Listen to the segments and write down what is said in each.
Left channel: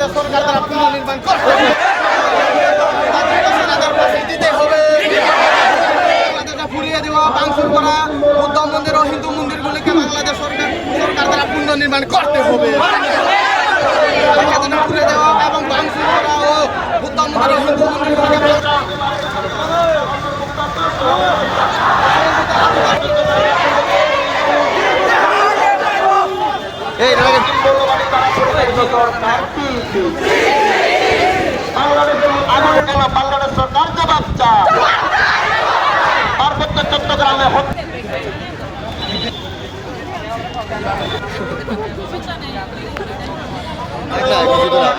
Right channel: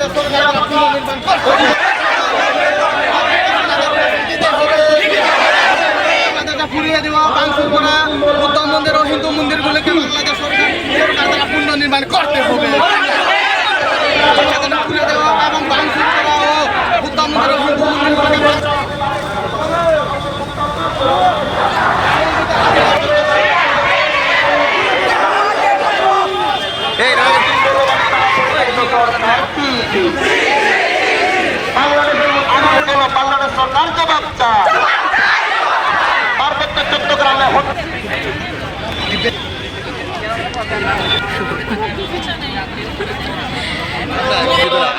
বাংলাদেশ সরকার দ্বারা পুনর্নির্মাণ করতে হবে। বাংলাদেশে ফিরিয়ে দেওয়া ভাঙচুর করা বৌদ্ধ মন্দির ও হিন্দু মন্দিরগুলিকে বাংলাদেশ সরকার দ্বারা পুনর্নির্মাণ করতে হবে। ফিরিয়ে দেওয়া এবং ভাঙচুর করা ও বৌদ্ধ মন্দির ও হিন্দু মন্দিরগুলিকে বাংলাদেশ সরকার জবাব চায়। পার্বত্য চট্টগ্রামে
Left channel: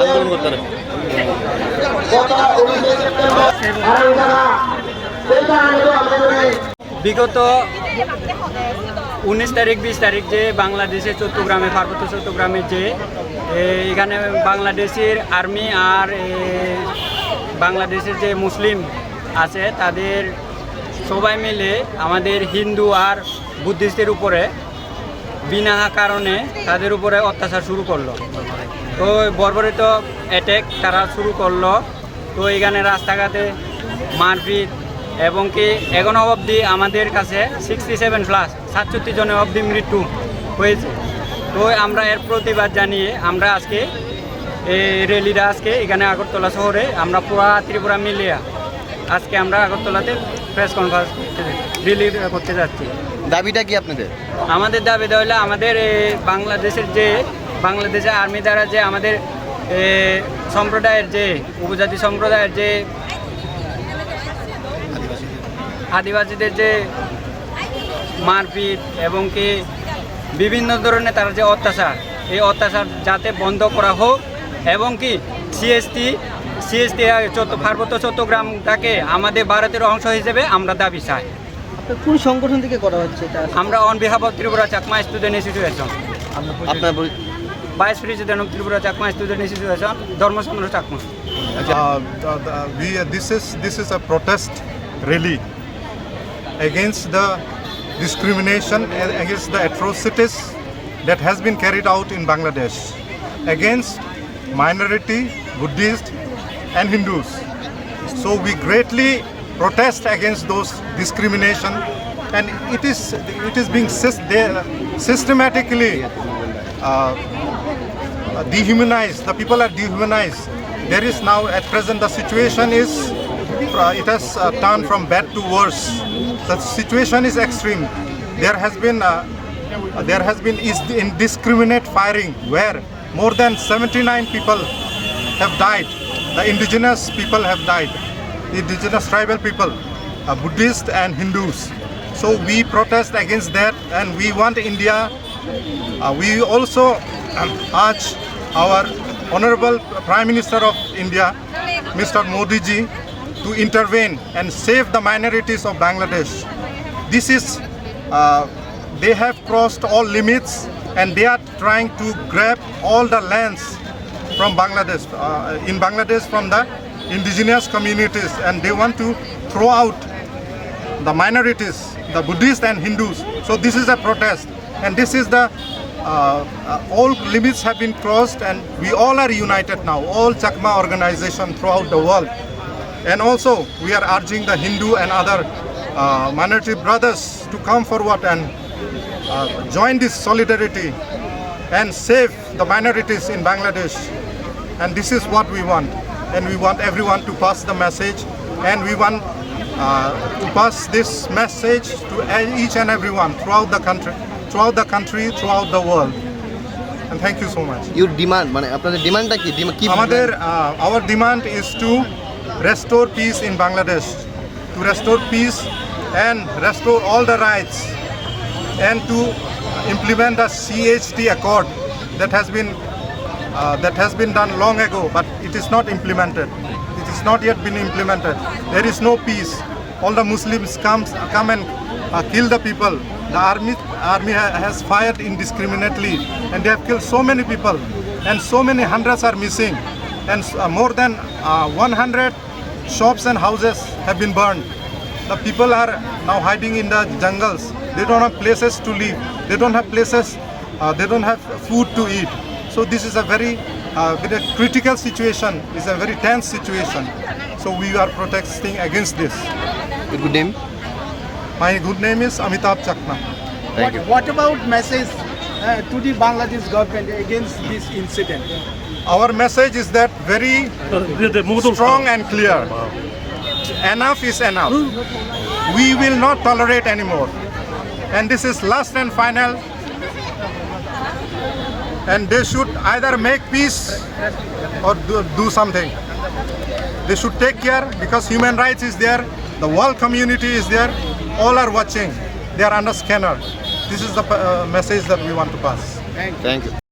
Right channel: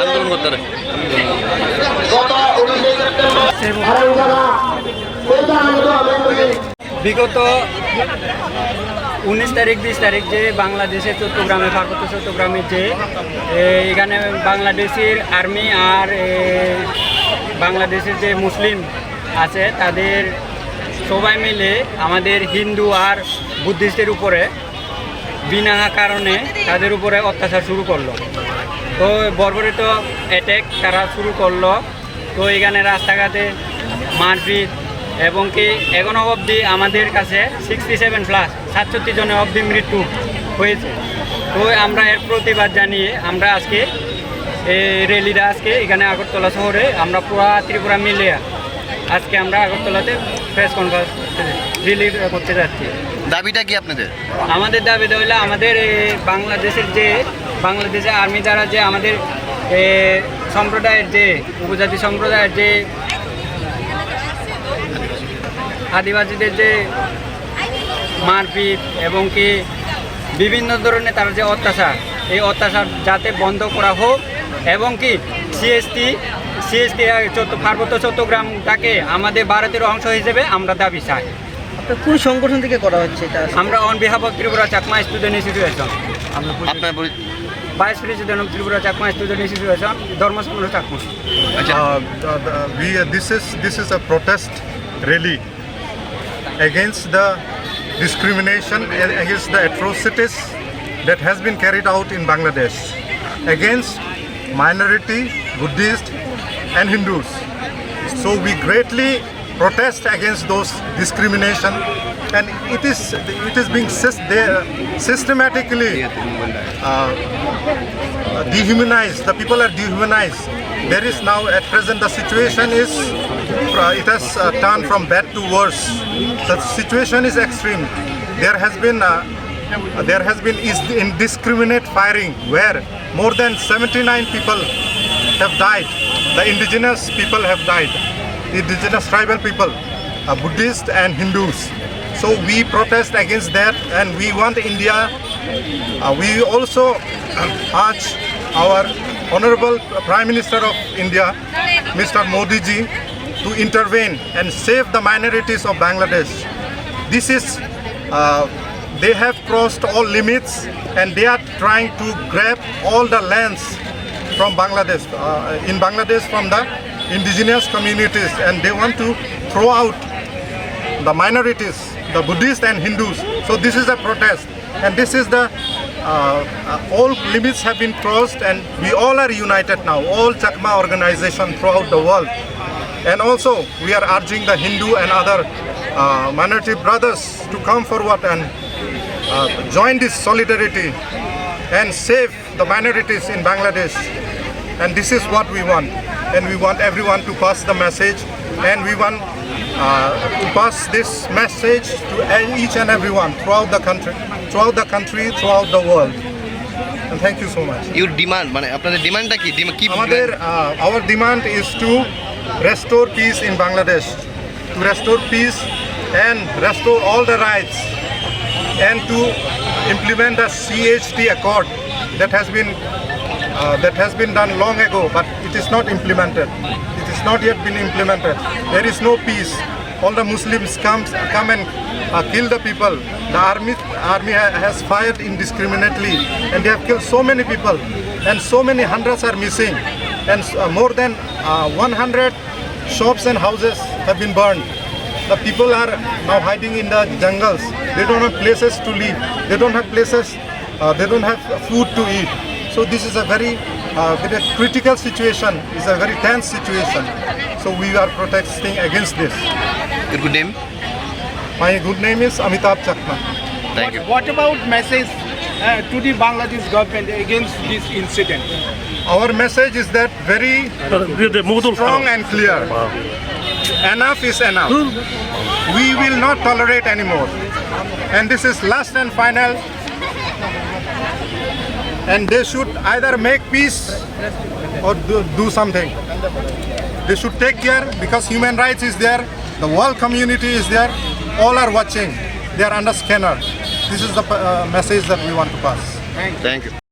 আন্দোলন করতে বিগত 19 তারিখ 20 তারিখ যে বাংলাদেশে চট্টগ্রামে পার্বত্য চট্টগ্রামে যে এখানে বাংলাদেশের আর্মি আর বাংলাদেশের যে মুসলিম আছে তাদের সবাই মিলে আমাদের হিন্দু আর বুদ্ধিস্টের উপরে বিনা কারণে তাদের উপরে অত্যাচার শুরু করলো। তো বর্বরিত অ্যাটাক তারা শুরু করলো। তো এখানে রাস্তাঘাটে মারপিট এবং কি এখনও অবধি আমাদের কাছে 67+ জনের অবধি মৃত্যু হয়েছে। তো আমরা এর প্রতিবাদ জানিয়ে আমরা আজকে এই র্যালিটা আজকে এখানে আগরতলা শহরে আমরা পুরা ত্রিপুরা মিলিয়ে আজকে আমরা আগরতলাতে প্রেস কনফারেন্স র্যালি করতে যাচ্ছি। দাবিটা কি আপনাদের? আমাদের দাবিটা হলো আমাদের এই বাংলাদেশের আর্মি দ্বারা যে আমাদের সম্প্রদায়ের যে উপজাতি সম্প্রদায়ের যে আদিবাসীদের যে মারপিট এবং কি বিভিন্ন ধরনের তার যে অত্যাচার, এই অত্যাচার যাতে বন্ধ করা হোক এবং কি সিএসটি পার্বত্য চট্টগ্রামটাকে আমাদের ভারতের অংশ হিসেবে আমরা দাবি চাই। আপনার কোন সংগঠন থেকে করা হচ্ছে এটা? আমরা on behalf of Tripura Chakma student association, আপনার vice president of Tripura Chakma student association, Dharmachandra Chakma. This is a protest rally against the discrimination, against the atrocities that has been carried out in Bangladesh against minority, Buddhist and Hindus. So we greatly protest against those discrimination, and it is being systematically dehumanized. The people are dehumanized. There is now at present the situation is it has turned from bad to worse. The situation is extreme. There has been indiscriminate firing where more than 79 people have died. The indigenous people have died. Indigenous tribal people, Buddhists and Hindus. So we protest against that, and we want India. We also urge our Honorable Prime Minister of India, Mr. Modi ji, to intervene and save the minorities of Bangladesh. This is, they have crossed all limits and they are trying to grab all the lands from Bangladesh, in Bangladesh from the indigenous communities, and they want to throw out the minorities, the Buddhists and Hindus. So this is a protest, and this is the all limits have been crossed, and we all are united now, all Chakma organization throughout the world. And also we are urging the Hindu and other minority brothers to come forward and join this solidarity and save the minorities in Bangladesh. And this is what we want, and we want everyone to pass the message, and we want to pass this message to each and everyone throughout the country, throughout the world. And thank you so much. Your demand, মানে আপনাদের ডিমান্ডটা কি? Our demand is to restore peace in Bangladesh, to restore peace and restore all the rights, and to implement the CHT Accord that has been done long ago, but it is not implemented. It is not yet been implemented. There is no peace. All the Muslims come and kill the people. The army has fired indiscriminately, and they have killed so many people, and so many hundreds are missing, and more than 100 shops and houses have been burned. The people are now hiding in the jungles. They don't have places to live. They don't have places. They don't have food to eat. So this is a very with a critical situation. It's a very tense situation. So we are protesting against this. Your good name? My good name is Amitabh Chakma. Thank you. What about message to the Bangladesh government against this incident? Our message is that very strong and clear. Enough is enough. We will not tolerate anymore. And this is last and final. And they should either make peace or do something. They should take care because human rights is there, the world community is there, all are watching. They are under scanner. This is the message that we want to pass. Thank you.